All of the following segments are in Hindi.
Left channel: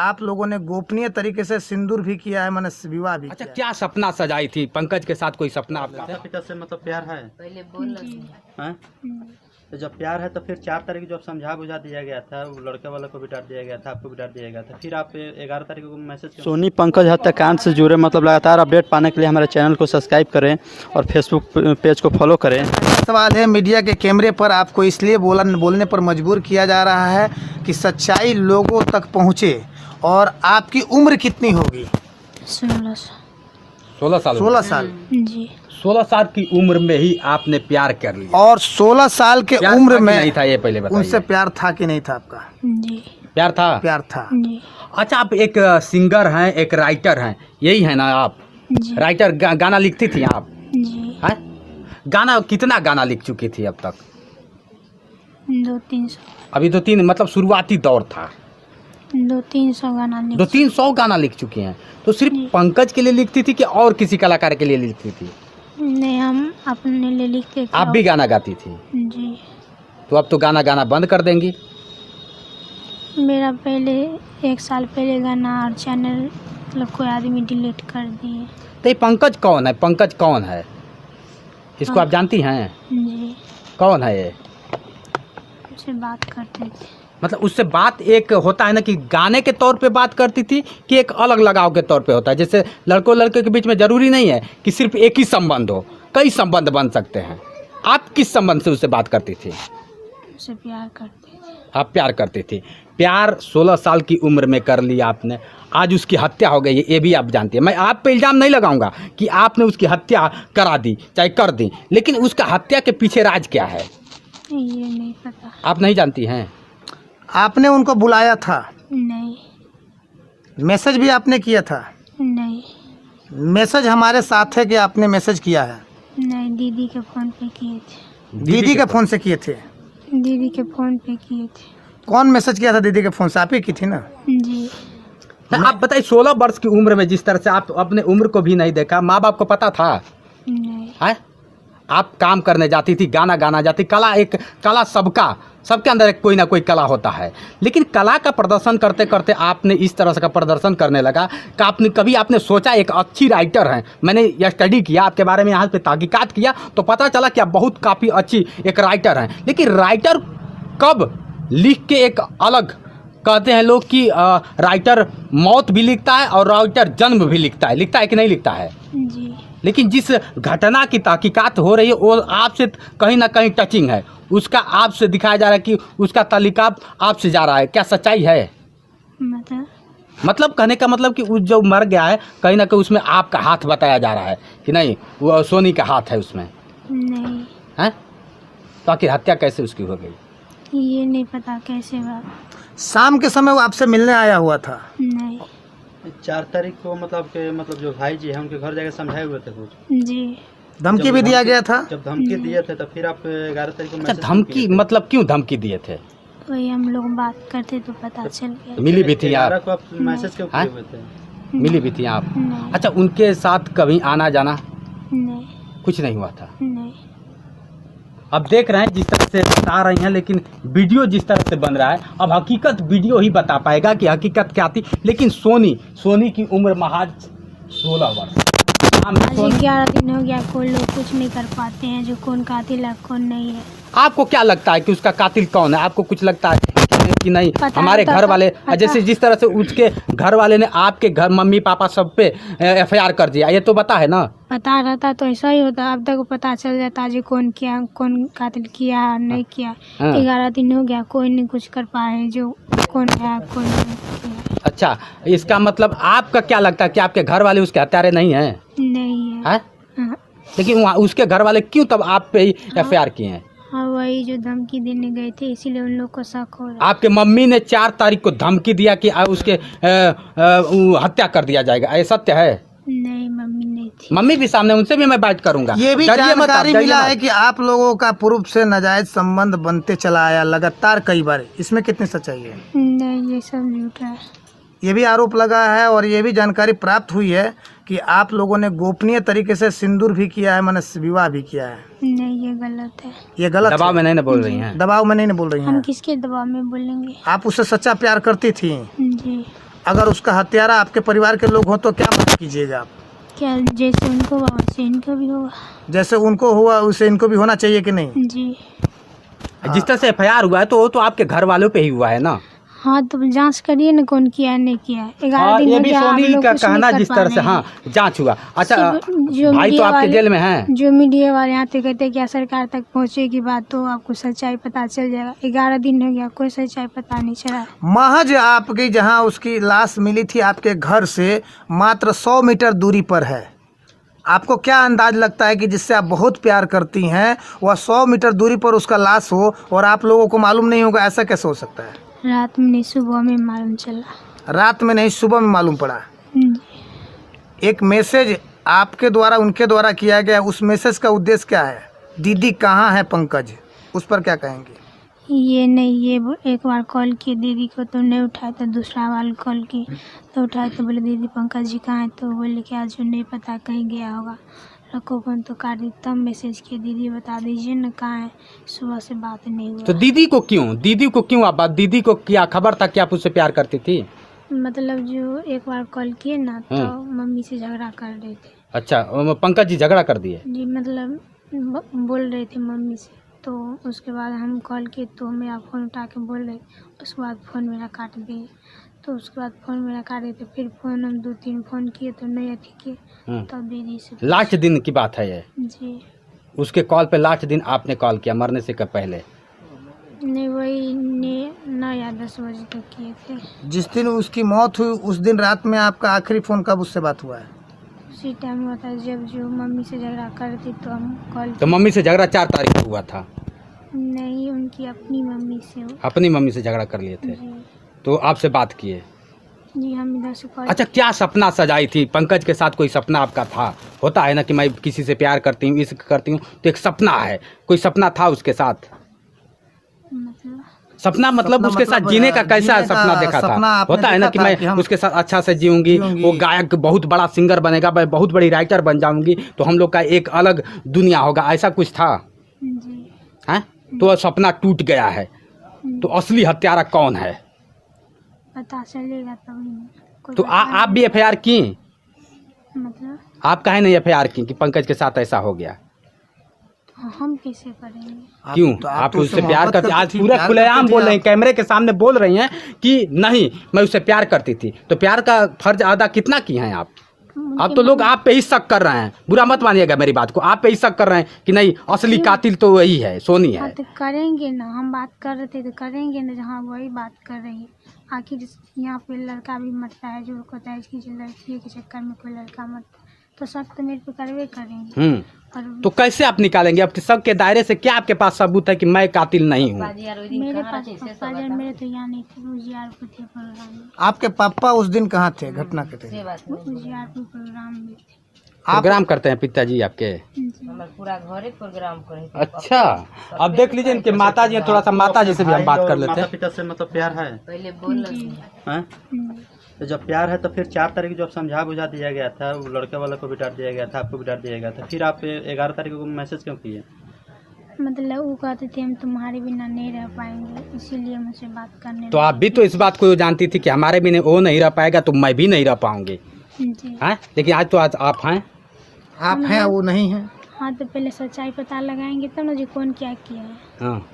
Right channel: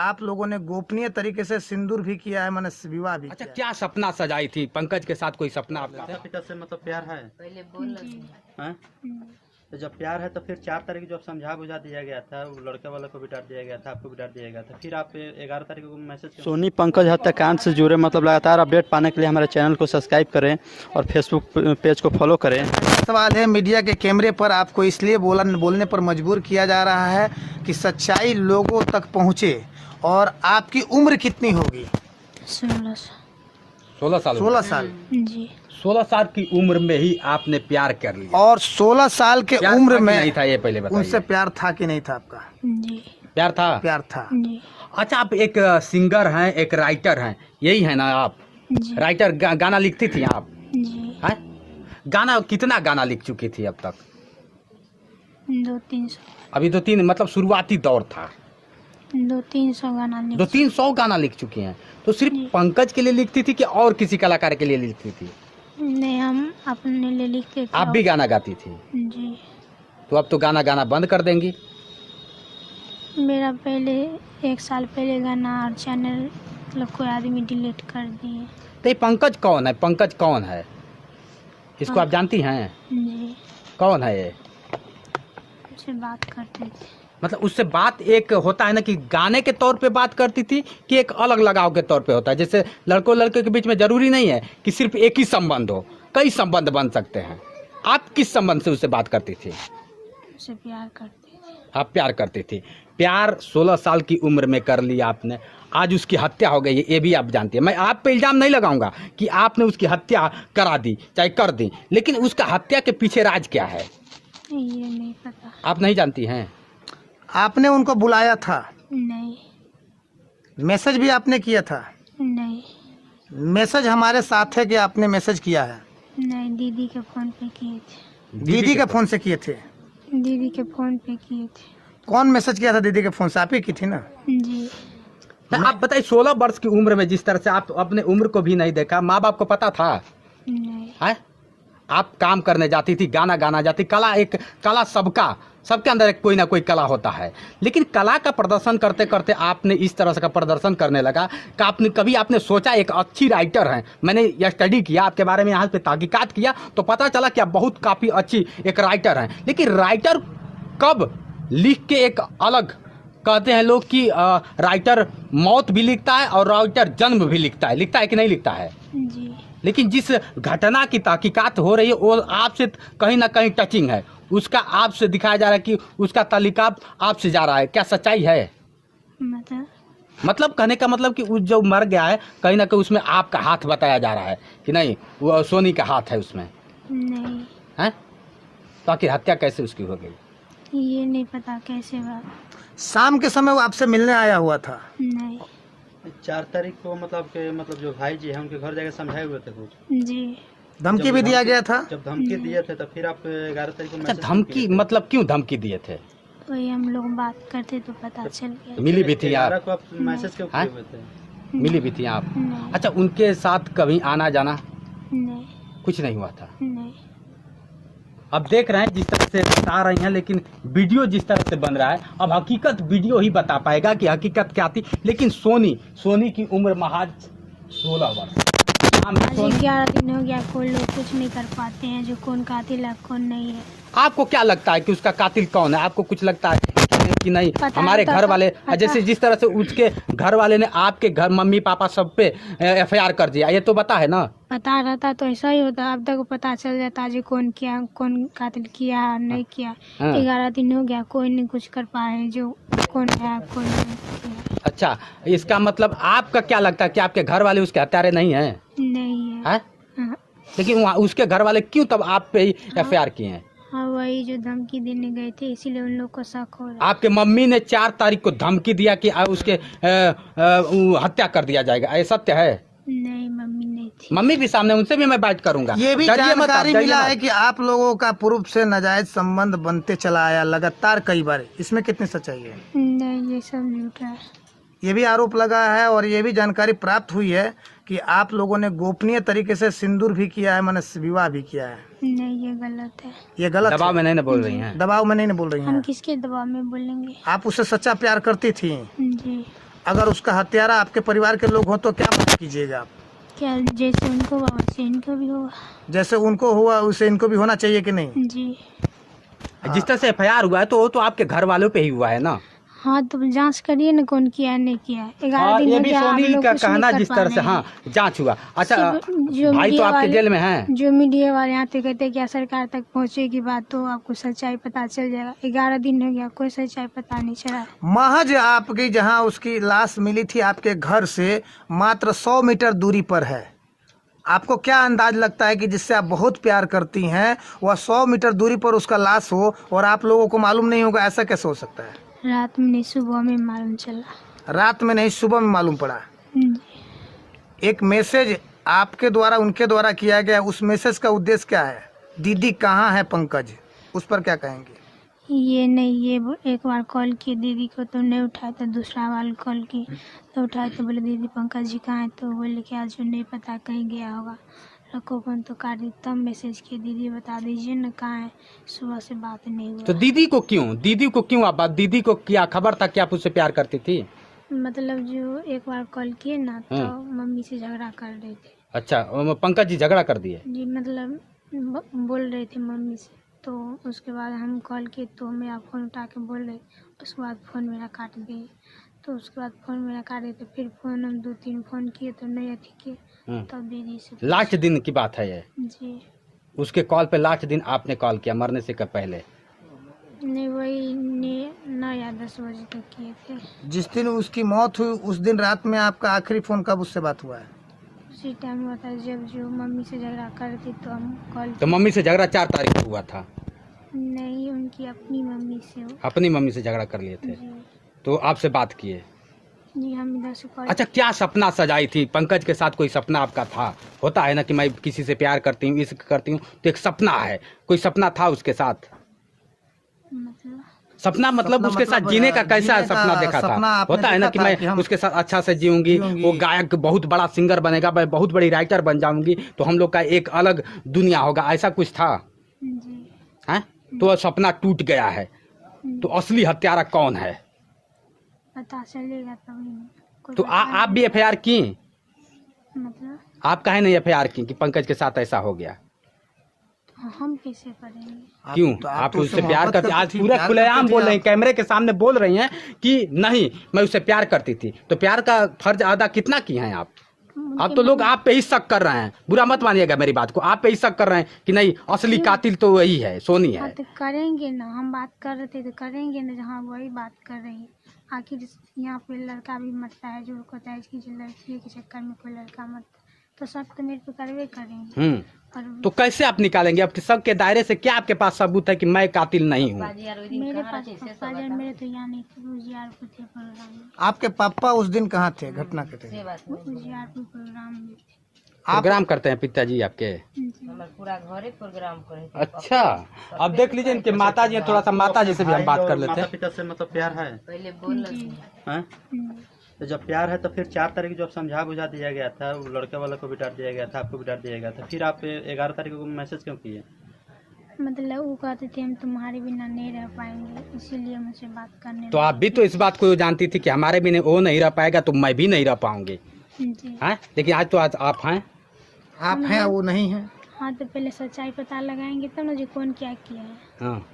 आप लोगों ने गोपनीय तरीके से सिंदूर भी किया है, मैंने विवाह भी अच्छा, किया क्या सपना सजाई थी पंकज के साथ? कोई सपना आपका? माता पिता से मतलब प्यार है? पहले बोल हाँ? तो जब प्यार है तो फिर 4 तारीख जब समझा बुझा दिया गया था, वो लड़के वाले को भी डांट दिया गया था, आपको भी डांट दिया गया था, फिर आप 11 तारीख को मैसेज। सोनी पंकज हत्याकांड से जुड़े मतलब लगातार अपडेट पाने के लिए हमारे चैनल को सब्सक्राइब करें और फेसबुक पेज को फॉलो करें। सवाल है, मीडिया के कैमरे पर आपको इसलिए बोलने पर मजबूर किया जा रहा है कि सच्चाई लोगों तक पहुंचे। और आपकी उम्र कितनी होगी? 16 साल। 16 साल जी। 16 साल की उम्र में ही आपने प्यार कर लिया? और 16 साल के प्यार उम्र था कि में नहीं था, ये पहले बताइए। उनसे प्यार था कि नहीं था आपका? जी। प्यार था? प्यार था। जी। अच्छा, आप एक सिंगर हैं, एक राइटर हैं, यही है ना आप? जी। राइटर, गाना लिखती थी आप? जी। हैं? गाना कितना गाना लिख चुकी थी अब तक? 200-300। अभी 2-3 मतलब शुरुआती दौर था। 200-300 गाना लिख 200-300 गाना लिख चुकी हैं। तो सिर्फ पंकज के लिए लिखती थी कि और किसी कलाकार के लिए लिखती थी? नहीं, हम अपने लिए लिखते थे। आप भी गाना गाती थी? जी। तो अब तो गाना बंद कर देंगी? मेरा पहले 1 साल पहले गाना और चैनल मतलब कोई आदमी डिलीट कर दिए। तो ये पंकज कौन है? पंकज कौन है? इसको आप जानती हैं? जी। कौन है ये? उससे बात करते थे। मतलब उससे बात एक होता है ना कि गाने के तौर पे बात करती थी, कि एक अलग लगाव के तौर पे होता है? जैसे लड़कों लड़के के बीच में जरूरी नहीं है कि सिर्फ एक ही संबंध हो, कई संबंध बन सकते हैं। आप किस संबंध से उससे बात करती थी? उससे प्यार करते थे। आप प्यार करती थी? प्यार 16 साल की उम्र में कर लिया आपने, आज उसकी हत्या हो गई है, ये भी आप जानती हैं। मैं आप पे इल्ज़ाम नहीं लगाऊंगा कि आपने उसकी हत्या करा दी, चाहे कर दी, लेकिन उसका हत्या के पीछे राज क्या है ये नहीं पता। आप नहीं जानती हैं? आपने उनको बुलाया था? नहीं। मैसेज भी आपने किया था? नहीं। मैसेज हमारे साथ है कि आपने मैसेज किया है? नहीं, दीदी के फ़ोन पे किए थे। दीदी के फोन से किए थे? दीदी के फ़ोन पे किए थे। कौन मैसेज किया था दीदी के फोन से? आप ही की थी ना? जी। तो आप बताइए, 16 वर्ष की उम्र में जिस तरह से आप अपने उम्र को भी नहीं देखा, माँ बाप को पता था? नहीं। है? आप काम करने जाती थी, गाना गाना जाती। कला, एक कला सबके अंदर एक कोई ना कोई कला होता है, लेकिन कला का प्रदर्शन करते करते आपने इस तरह से का प्रदर्शन करने लगा कि कभी आपने सोचा एक अच्छी राइटर हैं? मैंने यह स्टडी किया आपके बारे में, यहाँ पे तहकीकात किया तो पता चला कि आप काफ़ी अच्छी एक राइटर हैं। लेकिन राइटर कब लिख के एक अलग कहते हैं लोग कि राइटर मौत भी लिखता है और राइटर जन्म भी लिखता है कि नहीं लिखता है? जी। लेकिन जिस घटना की तहकीकात हो रही है वो आपसे कहीं ना कहीं टचिंग है, उसका आपसे दिखाया जा रहा है कि उसका तालिका आपसे जा रहा है। क्या सच्चाई है? मतलब कहने का मतलब कि उस जो मर गया है कहीं ना कहीं उसमें आपका हाथ बताया जा रहा है कि नहीं, वो सोनी का हाथ है उसमें? नहीं। है? तो आखिर हत्या कैसे उसकी हो गई? ये नहीं पता कैसे हुआ। शाम के समय वो आपसे मिलने आया हुआ था? नहीं। 4 तारीख को मतलब जो भाई जी हैं उनके घर जाके समझाए हुए थे कुछ? जी। धमकी भी दिया गया था? जब धमकी दिए थे तो फिर आप 11 तारीख को अच्छा, मैसेज धमकी मतलब क्यों धमकी दिए थे? वही हम लोग बात करते तो पता चल गया। मिली भी थी 11 आप? को आप मैसेज क्यों किए हुए थे? मिली भी थी आप? नहीं। अच्छा, उनके साथ कभी आना जाना नहीं। कुछ नहीं हुआ था? नहीं। अब देख रहे हैं जिस तरह से बता रही हैं, लेकिन वीडियो जिस तरह से बन रहा है, अब हकीकत वीडियो ही बता पाएगा कि हकीकत क्या थी। लेकिन सोनी की उम्र महज 16 वर्ष। आज 11 दिन हो गया, कोई लोग कुछ नहीं कर पाते हैं जो कौन कातिल है कौन नहीं है। आपको क्या लगता है कि उसका कातिल कौन है? आपको कुछ लगता है कि नहीं? हमारे घर वाले, जैसे जिस तरह से उसके घर वाले ने आपके घर मम्मी पापा सब पे FIR कर दिया, ये तो पता है ना? पता रहता तो ऐसा ही होता, अब तक पता चल जाता जो कौन किया, कौन कातिल किया नहीं किया। 11 दिन हो गया, कोई नहीं कुछ कर पाए जो कौन है कौन नहीं। अच्छा, इसका मतलब आपका क्या लगता है कि आपके घर वाले उसके हत्यारे नहीं हैं? नहीं है। हाँ। लेकिन उसके घर वाले क्यों तब आप पे ही FIR किए हैं? हाँ, वही जो धमकी देने गए थे इसीलिए उन लोग को शक हो रहा। आपके मम्मी ने 4 तारीख को धमकी दिया कि उसके हत्या कर दिया जाएगा, ये सत्य है? नहीं, मम्मी नहीं थी। मम्मी भी सामने, उनसे भी मैं बात करूंगा। ये भी जानकारी मिला है कि आप लोगों का पूर्व से नाजायज संबंध बनते चला आया लगातार कई बार, इसमें कितनी सच्चाई है? नहीं, ये सब झूठा है। ये भी आरोप लगा है और ये भी जानकारी प्राप्त हुई है कि आप लोगों ने गोपनीय तरीके से सिंदूर भी किया है, मैंने विवाह भी किया है। नहीं, ये गलत है। ये गलत दबाव है। में नहीं बोल रही हैं? दबाव में नहीं बोल रही हम हैं। किसके दबाव में बोलेंगे? आप उससे सच्चा प्यार करती थी? जी। अगर उसका हत्यारा आपके परिवार के लोग हो तो क्या मदद कीजिएगा आप? क्या जैसे उनको हुआ वैसे इनको भी होगा। जैसे उनको हुआ वैसे इनको भी होना चाहिए कि नहीं? जी जिस तरह से FIR हुआ है तो वो तो आपके घर वालों पे ही हुआ है ना। हाँ, तो जांच करिए ना कौन किया है नहीं किया है। 11 हाँ, दिन ये हो भी गया, आप सोनी लोग का कुछ कहना नहीं कर जिस पा तरह से रहे हाँ हैं। जांच हुआ। अच्छा, जो भाई तो मीडिया आपके वाले- जेल में हैं। जो मीडिया वाले आते कहते हैं क्या सरकार तक पहुंचेगी बात तो आपको सच्चाई पता चल जाएगा। 11 दिन हो गया, कोई सच्चाई पता नहीं चला है। महज आपकी जहां उसकी लाश मिली थी आपके घर से मात्र 100 मीटर दूरी पर है। आपको क्या अंदाज लगता है कि जिससे आप बहुत प्यार करती हैं वह 100 मीटर दूरी पर उसका लाश हो और आप लोगों को मालूम नहीं होगा? ऐसा कैसे हो सकता है? रात में नहीं, सुबह में मालूम चला। रात में नहीं, सुबह में मालूम पड़ा। एक मैसेज आपके द्वारा उनके द्वारा किया गया, उस मैसेज का उद्देश्य क्या है? दीदी कहाँ है पंकज, उस पर क्या कहेंगे? ये नहीं, ये एक बार कॉल किए दीदी को तो नहीं उठाया, तो दूसरा बार कॉल की तो उठाए तो बोले दीदी पंकज जी कहाँ है, तो बोले कि आज नहीं पता कहीं गया होगा, रखो फोन तो काट दी। तब मैसेज किए दीदी बता दीजिए ना कहाँ है, सुबह से बात नहीं हुआ। तो दीदी को क्यों आप बात, दीदी को क्या खबर था कि आप उससे प्यार करती थी? मतलब जो एक बार कॉल किए ना तो मम्मी से झगड़ा कर रहे थे। अच्छा, पंकज जी झगड़ा कर दिए? जी, मतलब बोल रहे थे मम्मी से, तो उसके बाद हम कॉल किए तो मेरा फ़ोन उठा के बोल रहे, उसके बाद फ़ोन मेरा काट दिए। तो उसके बाद फ़ोन मेरा काट दिए, तो फिर फ़ोन हम 2-3 फ़ोन किए तो नहीं अथी किए, तब दीदी से। लास्ट दिन की बात है ये? जी उसके कॉल पे लास्ट दिन आपने कॉल किया मरने से कब पहले? नहीं, वही 9 या 10 बजे तक किए थे। जिस दिन उसकी मौत हुई उस दिन रात में आपका आखिरी फ़ोन कब उससे बात हुआ है? उसी टाइम हुआ था जब जो मम्मी से झगड़ा करती तो हम कॉल। तो मम्मी से झगड़ा 4 तारीख को हुआ था? नहीं, उनकी अपनी मम्मी से। अपनी मम्मी से झगड़ा कर लिए थे, जी तो आपसे बात किए? जी, हम इधर से कॉल। अच्छा, क्या सपना सजाई थी पंकज के साथ? कोई सपना आपका था? होता है ना कि मैं किसी से प्यार करती हूँ, इस करती हूँ, तो एक सपना है, कोई सपना था उसके साथ? मतलब सपना मतलब उसके साथ जीने का कैसा जीने का सपना देखा सपना था? आपने होता है ना देखा कि था मैं कि हम उसके साथ अच्छा से जीऊंगी, वो गायक बहुत बड़ा सिंगर बनेगा, मैं बहुत बड़ी राइटर बन जाऊंगी, तो हम लोग का एक अलग दुनिया होगा, ऐसा कुछ था? जी हैं? तो वह सपना टूट गया है, तो असली हत्यारा कौन है? पता चलेगा तभी। कोई तो बता आप भी FIR की? मतलब आप काहे नहीं FIR की कि पंकज के साथ ऐसा हो गया? हम कैसे करेंगे? क्यों? तो आप तो उससे प्यार मोहब्बत करती, आज थी, पूरा प्यार खुलेआम करती बोल थी रही हैं, आप। कैमरे के सामने बोल रही हैं कि नहीं मैं उससे प्यार करती थी, तो प्यार का फर्ज अदा कितना की हैं आप? अब तो लोग आप पे ही शक कर रहे हैं, बुरा मत मानिएगा मेरी बात को, आप पे ही शक कर रहे हैं कि नहीं असली कातिल तो वही है, सोनी हाँ है। तो करेंगे ना, हम बात कर रहे थे तो करेंगे ना, जहाँ वही बात कर रही है। आखिर यहाँ पे लड़का भी मरता है जो कहता है कि लड़की के चक्कर में कोई लड़का मरता है, तो सब तो मेरे पे करवे करेंगे। और तो कैसे आप निकालेंगे? आपके शक के दायरे से क्या आपके पास सबूत है कि मैं कातिल नहीं हूँ? मेरे पास पापा जब मेरे तो यहाँ नहीं थे, उजियारपुर थे प्रोग्राम में। आपके पापा उस दिन कहाँ थे घटना के दिन? उजियारपुर प्रोग्राम में थे। प्रोग्राम करते हैं पिताजी आपके? जी। अच्छा, अब देख लीजिए इनके माता जी हैं, थोड़ा सा माता जी से भी हम बात कर लेते माता हैं। पिता से मतलब प्यार है? जी। हैं? तो जब प्यार है तो फिर 4 तारीख जब समझा बुझा दिया गया था, वो लड़के वाला को भी डांट दिया गया था, आपको भी डांट दिया गया था, फिर आप 11 तारीख को मैसेज क्यों किए? मतलब वो कहते थे हम तुम्हारे बिना नहीं रह पाएंगे, इसीलिए मुझसे बात करने तो आप भी तो इस बात को जानती थी कि हमारे बिना वो नहीं रह पाएगा तो मैं भी नहीं रह पाऊंगी, जी। हैं? लेकिन आज तो आज आप हैं। आप हैं वो नहीं हैं। हाँ, तो पहले सच्चाई पता लगाएंगे तब ना जी कौन क्या किया है, हाँ।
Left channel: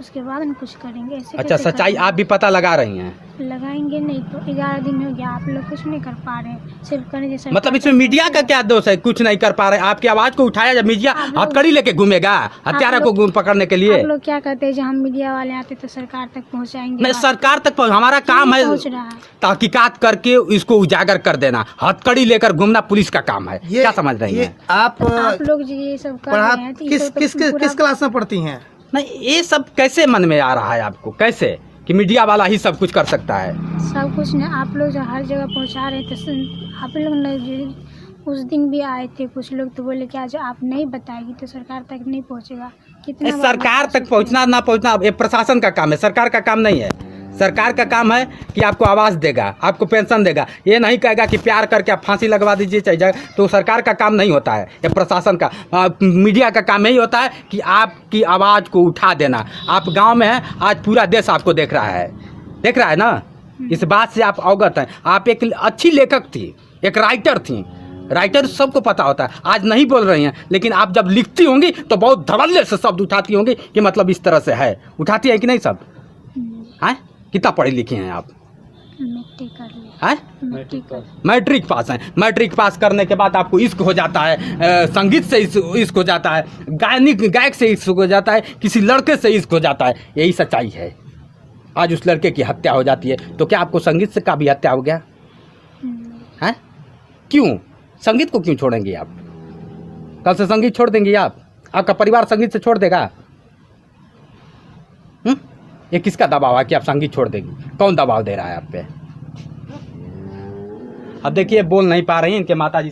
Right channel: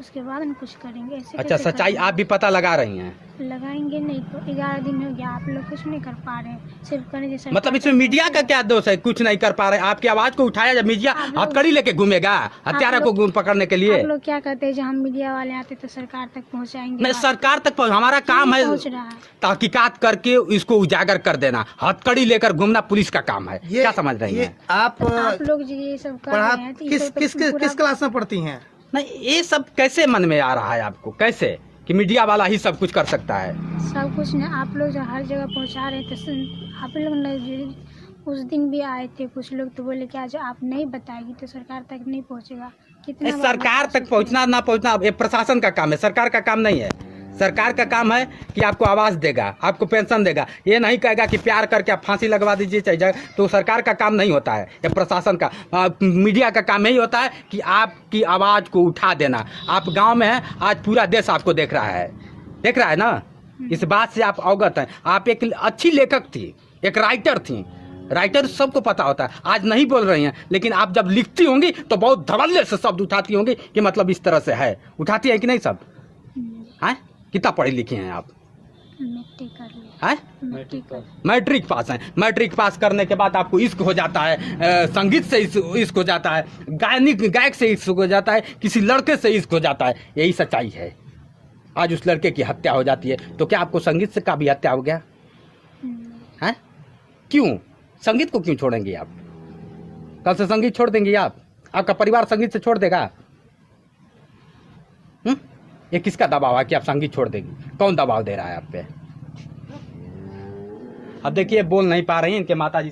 उसके बाद हम कुछ करेंगे। ऐसे अच्छा, कैसे सच्चाई करेंगे? आप भी पता लगा रही हैं? लगाएंगे नहीं तो 11 दिन हो गया, आप लोग कुछ नहीं कर पा रहे, सिर्फ करने जैसे। मतलब इसमें मीडिया का क्या दोष है? कुछ नहीं कर पा रहे, आपकी आवाज को उठाया जब मीडिया हथकड़ी लेके घूमेगा हत्यारा को पकड़ने के लिए? आप लोग क्या कहते हैं, जब हम मीडिया वाले आते तो सरकार तक पहुंचाएंगे। नहीं, सरकार तक हमारा काम है पहुंच रहा है। तहकीकात करके इसको उजागर कर देना, हथकड़ी लेकर घूमना पुलिस का काम है। क्या समझ रही हैं? आप आप लोग जी ये सब कर पढ़ा रहे हैं तो किस इसको तो किस किस पूरा- किस क्लास में पढ़ती हैं? नहीं, ये सब कैसे मन में आ रहा है आपको? कैसे कि मीडिया वाला ही सब कुछ कर सकता है? सब कुछ नहीं, आप लोग जो हर जगह पहुंचा रहे थे, आप लोग ने जो उस दिन भी आए थे कुछ लोग, तो बोले कि आज आप नहीं बताएगी तो सरकार तक नहीं पहुंचेगा। कितना बार सरकार बता तक सकते पहुंचना ना पहुंचना ये प्रशासन का काम है, सरकार का काम नहीं है। सरकार का काम है कि आपको आवाज देगा, आपको पेंशन देगा, ये नहीं कहेगा कि प्यार करके आप फांसी लगवा दीजिए चाहे जाए, तो सरकार का काम नहीं होता है, ये प्रशासन का मीडिया का काम यही होता है कि आपकी आवाज़ को उठा देना। आप गांव में हैं, आज पूरा देश आपको देख रहा है ना? इस बात से आप अवगत हैं। आप एक अच्छी लेखक थी, एक राइटर थी। राइटर सबको पता होता है, आज नहीं बोल रही हैं, लेकिन आप जब लिखती होंगी तो बहुत धड़ल्ले से शब्द उठाती होंगी कि मतलब इस तरह से है। उठाती है कि नहीं सब? हैं? कितना पढ़ी लिखी हैं आप? मैट्रिक कर लिया। हैं? मैट्रिक पास हैं। मैट्रिक पास करने के बाद आपको इश्क हो जाता है, संगीत से इश्क हो जाता है, गायक से इश्क हो जाता है, किसी लड़के से इश्क हो जाता है। यही सच्चाई है। आज उस लड़के की हत्या हो जाती है, तो क्या आपको संगीत से का भी हत्या हो गया है? क्यों? संगीत को क्यों छोड़ेंगे आप? कल से संगीत छोड़ देंगे आप? आपका परिवार संगीत से छोड़ देगा? ये किसका दबाव है कि आप संगीत छोड़ देंगी? कौन दबाव दे रहा है आप पे? अब देखिए, बोल नहीं पा रही हैं इनके माताजी।